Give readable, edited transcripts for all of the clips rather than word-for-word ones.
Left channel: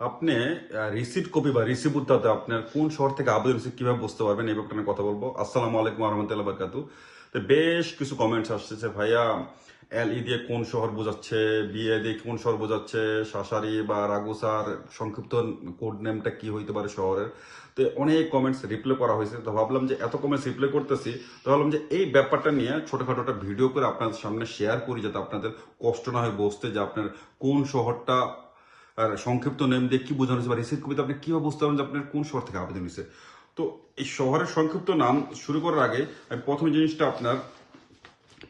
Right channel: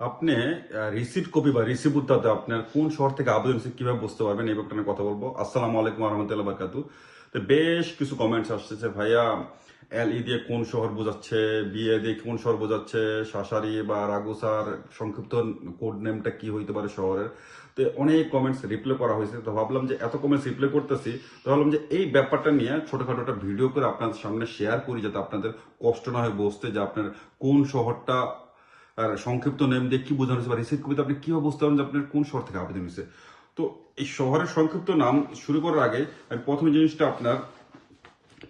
আপনি receipt copy বা receive উত্তাতে আপনার কোন শহর থেকে আবেদন এসেছে কিভাবে বুঝতে পারবেন এই ব্যাপারটা নিয়ে কথা বলবো। আসসালামু আলাইকুম রহমতুল্লাহ বারকাতু। তো বেশ কিছু কমেন্টস আসতেছে, ভাইয়া এল দিয়ে কোন শহর বোঝাচ্ছে, বিএ দিয়ে কোন শহর বোঝাচ্ছে, শাসারি বা রাগুসার সংক্ষিপ্ত কোড নেমটা কি হইতে পারে শহরের। তো অনেক কমেন্টস রিপ্লাই করা হয়েছে, তো ভাবলাম যে এত কমেন্টস রিপ্লাই করতেছি, তো ভাবলাম যে এই ব্যাপারটা নিয়ে ছোটখাটো একটা ভিডিও করে আপনাদের সামনে শেয়ার করি, যাতে আপনাদের কষ্ট না হয় বুঝতে যে আপনার কোন শহরটা আর সংক্ষিপ্ত নেম দিয়ে কি বোঝানো হয়েছে বা রিসিভ কপিতে আপনি কিভাবে বুঝতে পারবেন যে আপনার কোন শহর থেকে আবেদন হয়েছে। তো এই শহরের সংক্ষিপ্ত নাম শুরু করার আগে আমি প্রথম জিনিসটা আপনার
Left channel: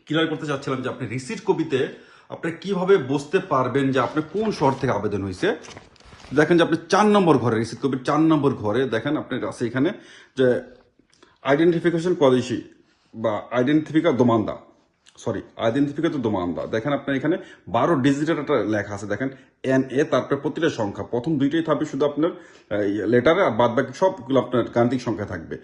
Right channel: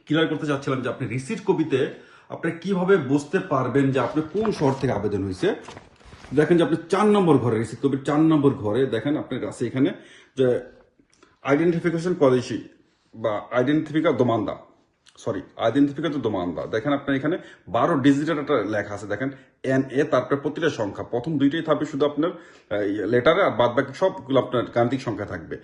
ক্লিয়ার করতে চাচ্ছিলাম যে আপনি রিসিভ কপিতে আপনি কিভাবে বুঝতে পারবেন যে আপনি কোন শহর থেকে আবেদন হয়েছে। দেখেন যে আপনি 4 নম্বর ঘরে, রিসিভ কপির 4 নম্বর ঘরে দেখেন আপনার কাছে এখানে যে আইডেন্টিফিকেশন পলিসি বা আইডেন্টিফিকেটর দোমান্দা দেখেন আপনার এখানে 12 ডিজিটের একটা লেখা আছে। দেখেন NA, তারপরে প্রতিটা সংখ্যা প্রথম দুইটাই থাকবে শুধু আপনার লেটারে, আর বাদ বাকি সবগুলো আপনার গাণিতিক সংখ্যা থাকবে।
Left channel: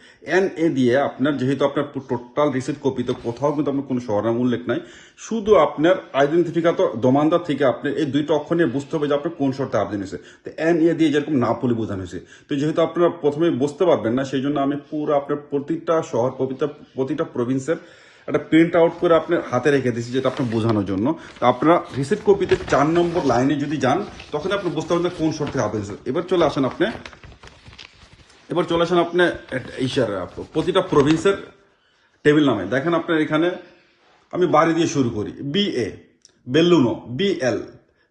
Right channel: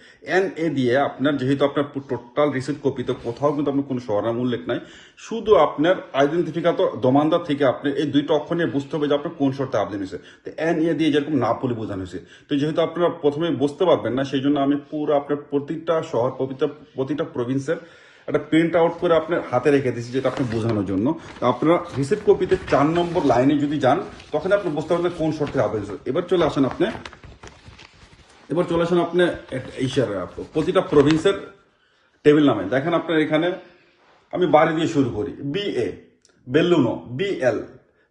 NA দিয়ে আপনার যেহেতু আপনার টোটাল রিসিট কপিতে কোথাও কিন্তু আপনার কোনো শহরের উল্লেখ নাই, শুধু আপনার আইডেন্টিফিকেটর দোমান্দা থেকে আপনি এই দুইটা অক্ষর নিয়ে বুঝতে হবে যে আপনার কোন শহরতে আবেদন হয়েছে। তো NA দিয়ে যেরকম নাপোলি বোঝানো হয়েছে, তো যেহেতু আপনারা প্রথমে বুঝতে পারবেন না, সেই জন্য আমি পুরো আপনার প্রতিটা শহর প্রতিটা প্রভিন্সের একটা প্রিন্ট আউট করে আপনার হাতে রেখে দিচ্ছি, যেটা আপনি বোঝানোর জন্য। তো আপনারা রিসিট কপিতে 4 নম্বর লাইনে যদি যান, তখন আপনি বুঝতে পারবেন কোন শর্তে আবেদন হয়েছে। এবার চলে আসেন আপনি প্রতিটা প্রভিন্সের টেবিল নামে। দেখেন আপনার এখানে আমি বাড়ি দিয়ে শুরু করি, BA, বেল্লুনো BL,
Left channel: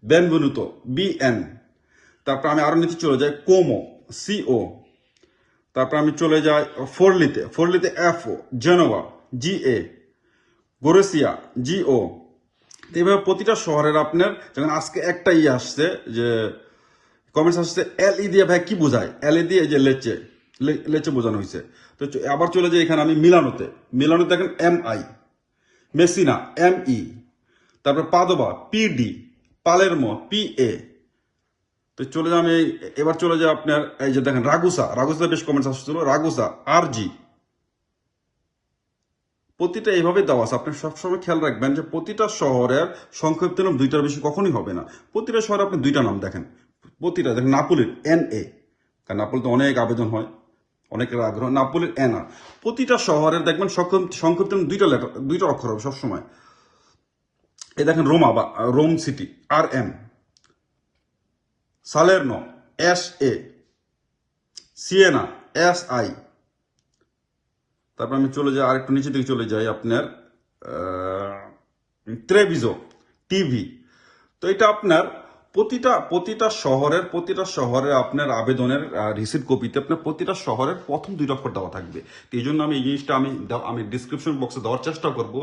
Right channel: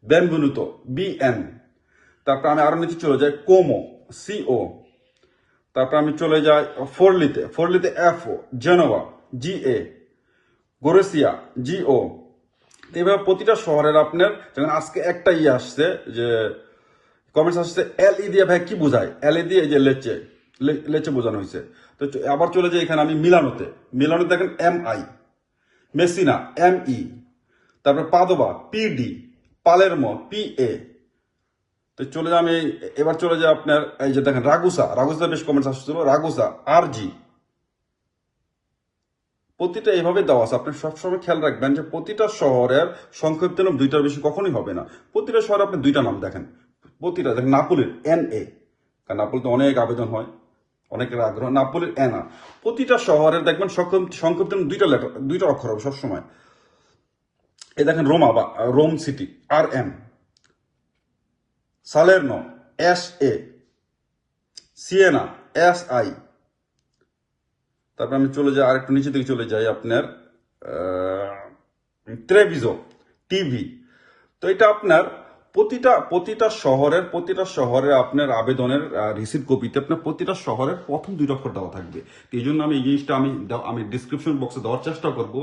বেনভেনুতো BN, তারপর আমি আরো নিচে চলে যাই কোমো CO, তারপর আমি চলে যাই ফোরলিতে FO, জেনোভা GA, গোরেসিয়া GO। এইভাবে প্রতিটা শহরের আপনার, যেমন আজকে একটা আসছে যে কমেন্টস আসছে LE দিয়ে ভাই কি বোঝায়, LE দিয়ে যে লেচে বোঝানো হয়েছে। তো আবার চলে যাই এখানে আমি মিলানোতে দেখেন MI, মেসিনা ME, তারপর পাদোবা PD, পালেরমো PA। তো চলে যাই আমি, এবার চলে যাই আপনার এই যে দেখেন রাগুসা বেশ কমেন্টস আসছিল, রাগুসা RG। প্রতিটা এইভাবে দেওয়া আছে। আপনি সবসময় খেয়াল রাখবেন যে প্রতিটা শহরের সংক্ষিপ্ত নাম দুইটার বেশি কখনোই হবে না। প্রতিটা শহরে আপনি দুইটা নাম দেখেন, প্রতিটা দেখেন নাপুলির NA, কারণ নাপুলিতে অনেক আবেদন হয়, অনেকের আগ্রহ। নাপুলির NA, প্রতিটা শহরের দেখবেন সংক্ষিপ্ত নাম দুইটা অক্ষর হবে সবসময়। এই দেখেন রোমা বা Rome city RM, Salerno SA, Siena SI। তারপর আমি চলে যাই আর একটু নিচে দিকে চলে যাই আপনার ট্রেভিজো TV। তো এটা আপনার প্রতিটা শহরের আপনার আবেদনের রিসিট কপিতে আপনার প্রতিটা শহরের প্রথম 2 অক্ষর দেওয়া থাকবে। তো এই জন্য আমি এই জিনিসটা আমি ডিসক্রিপশন বক্সে দেওয়ার চেষ্টা করব।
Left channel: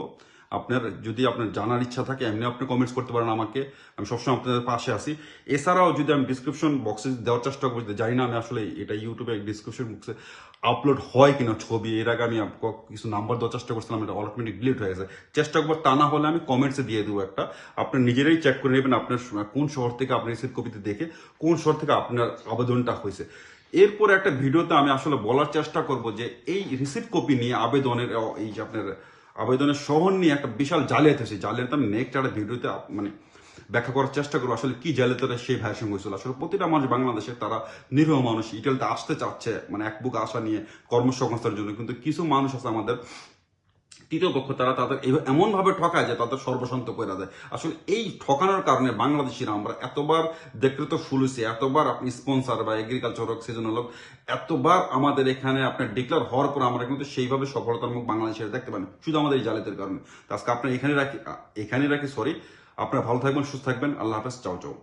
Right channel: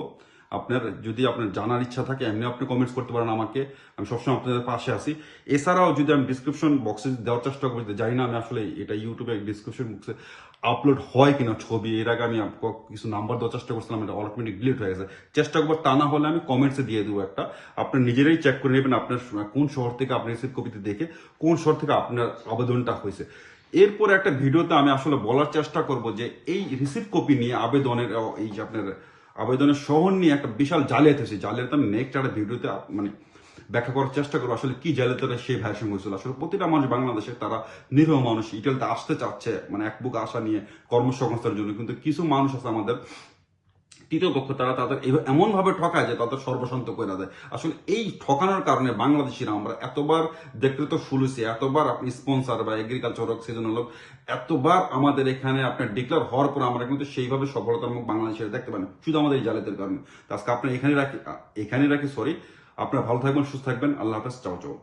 আপনার যদি আপনার জানার ইচ্ছা থাকে এমনি আপনি কমেন্টস করতে পারেন আমাকে, আমি সবসময় আপনাদের পাশে আছি। এছাড়াও যদি আমি ডিসক্রিপশন বক্সে দেওয়ার চেষ্টা করি, জানি না আমি আসলে এটা ইউটিউবে ডিসক্রিপশন বক্সে আপলোড হয় কিনা ছবি, এর আগে আমি কিছু নাম্বার দেওয়ার চেষ্টা করছিলাম, এটা অটোমেটিক ডিলিট হয়ে গেছে। চেষ্টা করবো, তা না হলে আমি কমেন্টসে দিয়ে দেবো একটা, আপনার নিজেরাই চেক করে নেবেন আপনার কোন শহর থেকে আপনার রিসিট কপিতে দেখে কোন শহর থেকে আপনার আবেদনটা হয়েছে। এরপরে একটা ভিডিওতে আমি আসলে বলার চেষ্টা করব যে এই রিসিট কপি নিয়ে আবেদনের এই যে আপনার আবেদনের শহর নিয়ে একটা বিশাল জালিয়াতি হয়েছে। জালিয়াতি আমি নেক্সট একটা ভিডিওতে মানে ব্যাখ্যা করার চেষ্টা করবো আসলে কি জালিয়াতিটা সেই ভাইয়ের সঙ্গে হয়েছিল। আসলে প্রতিটা মানুষ বাংলাদেশে তারা নিরীহ মানুষ ইটালিতে আসতে চাচ্ছে, মানে এক বুক আশা নিয়ে কর্মসংস্থানের জন্য, কিন্তু কিছু মানুষ আছে আমাদের তৃতীয় পক্ষ, তারা তাদের এমন ভাবে ঠকায় যে তাদের সর্বশান্ত করে দেয়। আসলে এই ঠকানোর কারণে বাংলাদেশিরা আমরা এতবার দেখৃত ফুলুছি, এতবার আপনি স্পন্সার বা এগ্রিকালচার হোক, সেজন্য হোক, এতবার আমাদের এখানে আপনার ডিক্লেয়ার হওয়ার পর আমরা কিন্তু সেইভাবে সফলতার মুখ বাংলাদেশের দেখতে পান শুধু আমাদের এই জালিয়াতির কারণে। আজকে আপনার এখানে রাখি, আপনারা ভালো থাকবেন, সুস্থ থাকবেন। আল্লাহ হাফেজ, চাও চাও।